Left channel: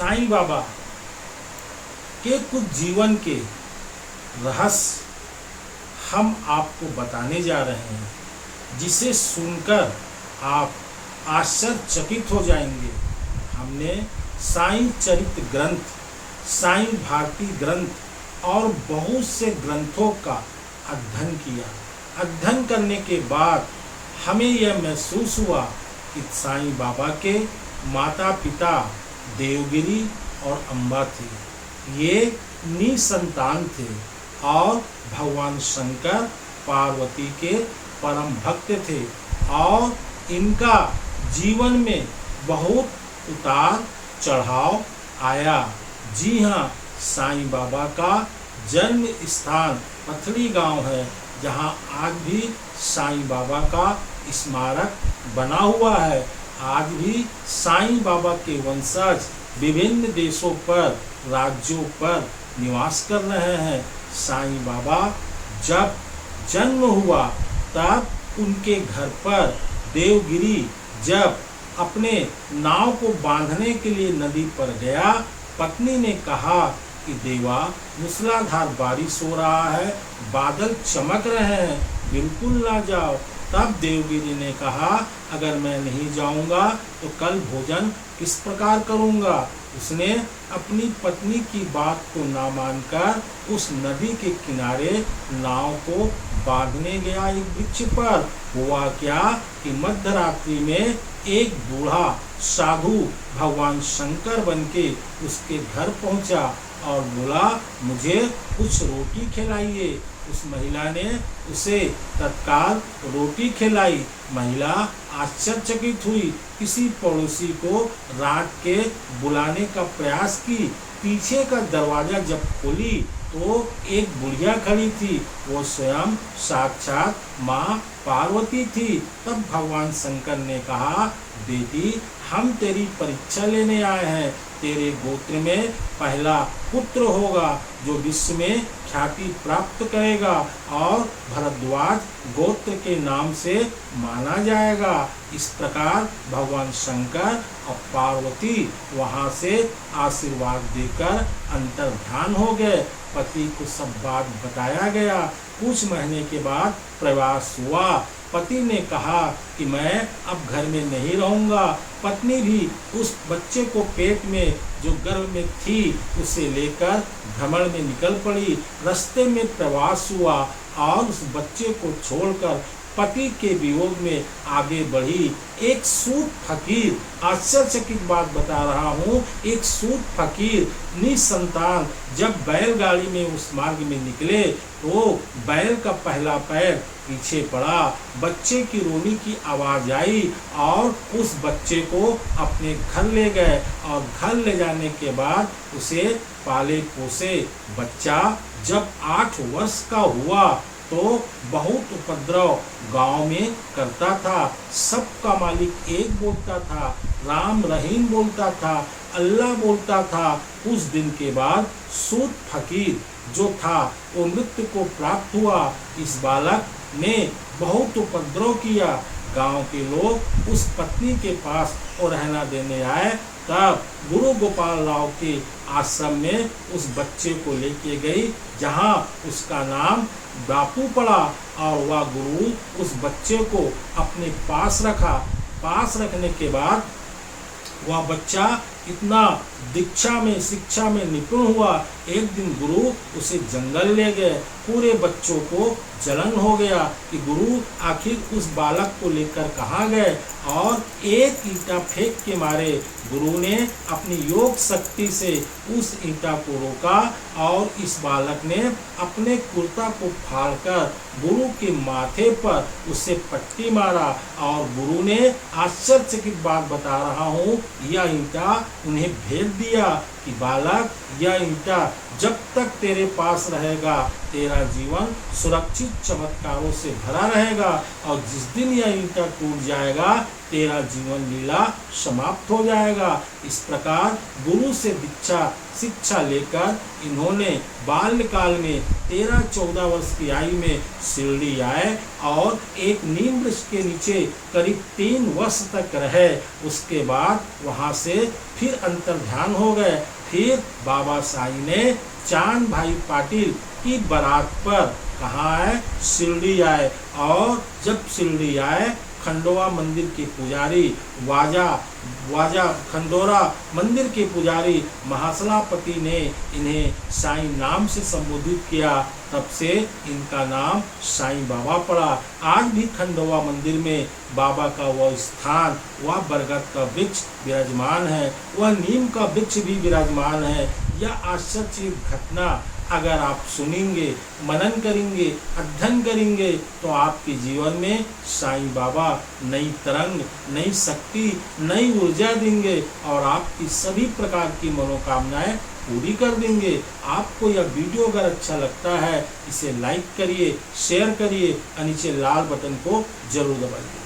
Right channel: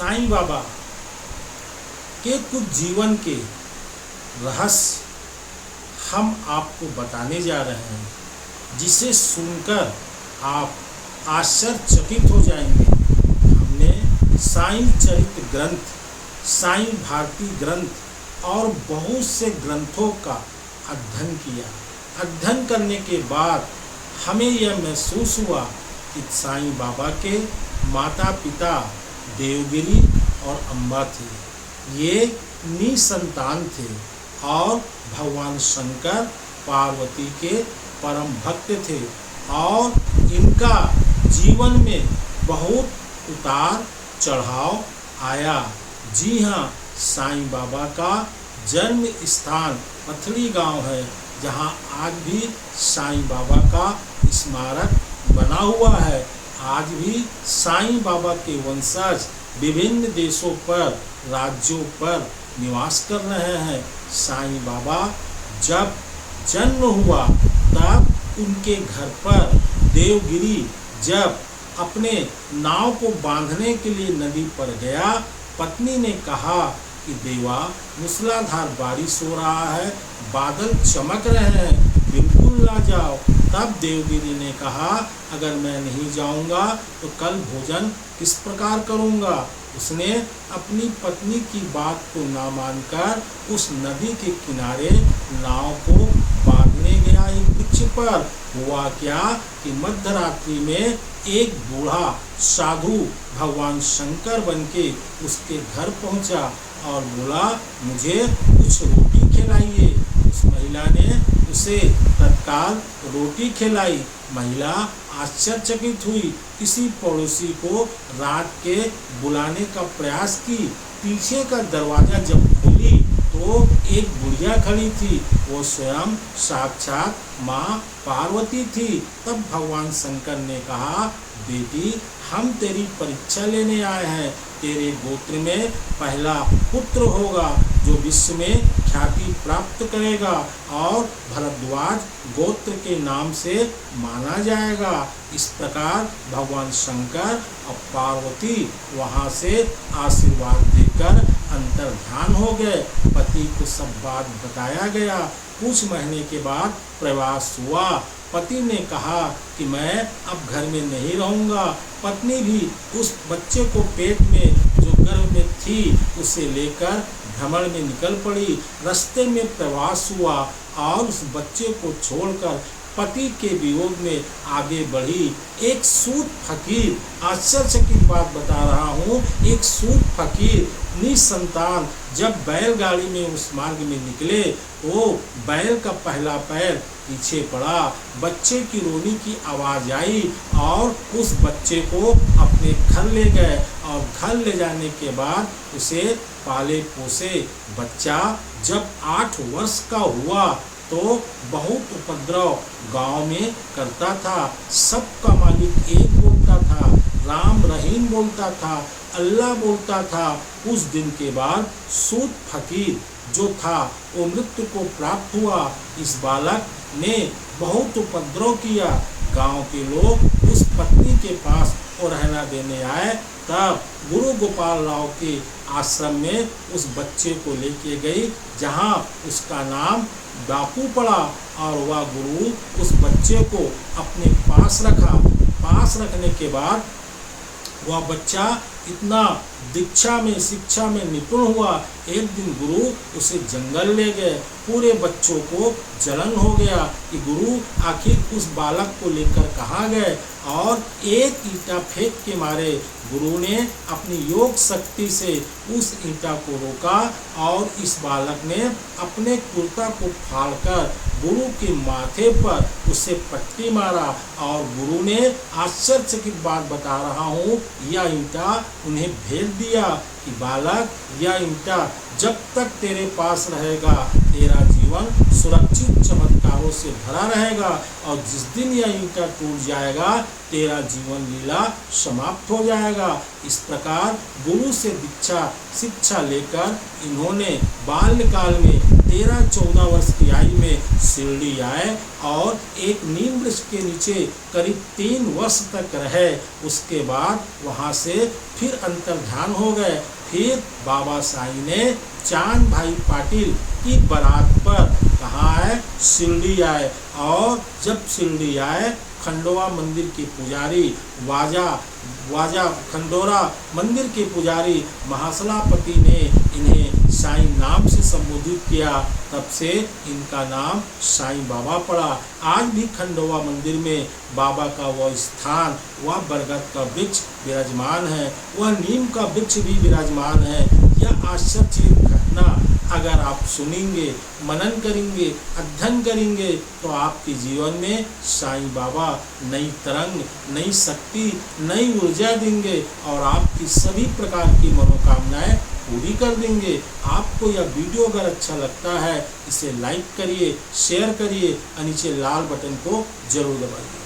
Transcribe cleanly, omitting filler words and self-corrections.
साईं बाबा के कुछ जीवन के रहस्य हम आपको बताने जा रहे हैं, जिसे सुनकर आप आश्चर्यचकित हो जाएंगे। हमने साईं चरित्र ग्रंथ, साईं भारती ग्रंथ और बहुत से ग्रंथों का अध्ययन किया। अध्ययन करने के बाद हमें यह महसूस हुआ कि साईं बाबा के माता पिता देवगिरी और अम्बा थे। ये निसंतान थे और भगवान शंकर पार्वती के परम भक्त थे और इनका जीवन में बहुत उतार चढ़ाव आया। जी हाँ, साईं बाबा का जन्म स्थान पथरी गांव है, जहां आज भी साईं बाबा का स्मारक बना हुआ है। आज भी साईं बाबा के वंशज विभिन्न देशों पर, राज्यों पर निवास कर रहे हैं। साईं बाबा जब जन्म हुआ तब उनके घर पर देवगिरी जब अपने नाव को बांधने के लिए नदी पर गया, पत्नी ने कहा कि देवा, मूसलाधार बारिश हो रहा है, बादल चमक रहे हैं, बिल्कुल ना जाओ। तब देवगिरी ने कहा, अगर मैं नहीं जाऊंगा तो कल भोजन किस प्रकार करूंगा। उसने अपनी पत्नी की बात को ना मानकर उस नदी के किनारे नाव को बांधने गया एक वृक्ष पर। हुआ क्या कि मध्यरात्रि में एक बूढ़ा साधु भगवान शंकर बनके उसके घर पहुंचा और बोला, मुझे कुछ रोटी खिलाइए। उस महिला ने उसे तत्काल रोटी खिलाई। महिला आश्चर्यचकित हुई, किसी पड़ोसी को रात के बुलाने का प्रयास की। पीछे का दरवाजा जब खोली तो एक बुढ़िया खड़ी थी, वो स्वयं साक्षात माँ पार्वती थी। तब भगवान शंकर ने कहा, बेटी, हम तेरी परीक्षा लेने आए हैं। तेरे गोत्र में पहला पुत्र होगा जो विश्व में ख्याति प्राप्त करेगा और भरद्वाज गोत्र के नाम से माना जाएगा। इस प्रकार भगवान शंकर और पार्वती वहां से आशीर्वाद देकर अंतर्ध्यान हो गए। पति को सब बात बताया गया। कुछ महीने के बाद प्रवास हुआ। पति ने कहा कि मैं अब घर में नहीं रहूंगा। पत्नी भी उस बच्चे को पेट में जो गर्भ में थी उसे लेकर भ्रमण में निकल पड़ी। रास्ते में प्रवास हुआ और उस बच्चे को छोड़कर पति के वियोग में आगे बढ़ी। एक सूत फकीर, आश्चर्यचकित बात बता रहा हूँ, एक सूत फकीर निसंतान जब बैलगाड़ी में उस मार्ग में निकले तो बैल का पहला पैर पीछे पड़ा। बच्चे की रोने की आवाज आई और उस बच्चे को अपने घर ले गए और घर ले जाने के बाद उसे पाले पोसे। बच्चा जब 8 वर्ष का हुआ तो बहुत उपद्रव गांव में करता था। सबका मालिक एक बोलता था, राम रहीम बोलता था, अल्लाह बोलता था। उस दिन के बाद सूत फकीर जो था वो मृत्यु को प्राप्त हुआ। इस बालक ने बहुत उपद्रव किया। गांव के लोग उस पत्नी के पास और रहना देने आए। तब गुरु गोपाल राव के आश्रम में उस बच्चे को लेके गई, जहां उसका नाम बापू पड़ा और वह गुरु उस बच्चे को अपने पास रखा। पास रखने के बाद वह बच्चा इतना दीक्षा में, शिक्षा में निपुण हुआ। एक दिन गुरु उसे जंगल ले गए। पूरे बच्चों को जलन हो गया कि गुरु आखिर उस बालक को लेकर कहाँ गए, और एक ईंटा फेंक के मारे गुरु ने अपनी योग शक्ति से उस ईंटा को रोका और इस बालक ने अपने कुर्ता को फाड़कर गुरु के माथे पर उसे पट्टी मारा। और गुरु ने आश्चर्यचकित बात बता रहा हूँ, यह ईंटा उन्हें भेज दिया कि बालक, यह ईंटा जब तक तेरे पास रहेगा तेरा जीवन सुरक्षित चमत्कारों से भरा रहेगा और जिस दिन यह ईंटा टूट जाएगा तेरा जीवन लीला समाप्त हो जाएगा। इस प्रकार गुरु से शिक्षा लेकर इन्होंने बाल्यकाल में 13-14 वर्ष की आयु में शिरडी आए और एक नीम वृक्ष के नीचे करीब 3 वर्ष तक रहे। उसके बाद वहाँ से फिर अंतर्ध्यान हो गए। फिर बाबा साईं ने चांद भाई पाटिल की बारात पर कहाँ है, शिरडी आए। और जब शिरडी आए खंडोवा मंदिर के पुजारी वाजा खंडोरा मंदिर के पुजारी महासलापति ने इन्हें साईं नाम से संबोधित किया। तब से इनका नाम साईं बाबा पड़ा। आज भी खंडोवा मंदिर में बाबा का वह स्थान, वह बरगद का वृक्ष विराजमान है, वह नीम का वृक्ष भी विराजमान है। यह आश्चर्य घटना अगर आप सुनेंगे, मनन करेंगे, अध्ययन करेंगे तो आपके जीवन में साईं बाबा नई तरंग, नई शक्ति, नई ऊर्जा देंगे और आपकी सभी प्रकार की मनोकामनाएं पूरी कर देंगे। आपको यह वीडियो अगर अच्छा लगता है इसे लाइक करिए, शेयर करिए और नीचे लाल बटन को जरूर दबाइए।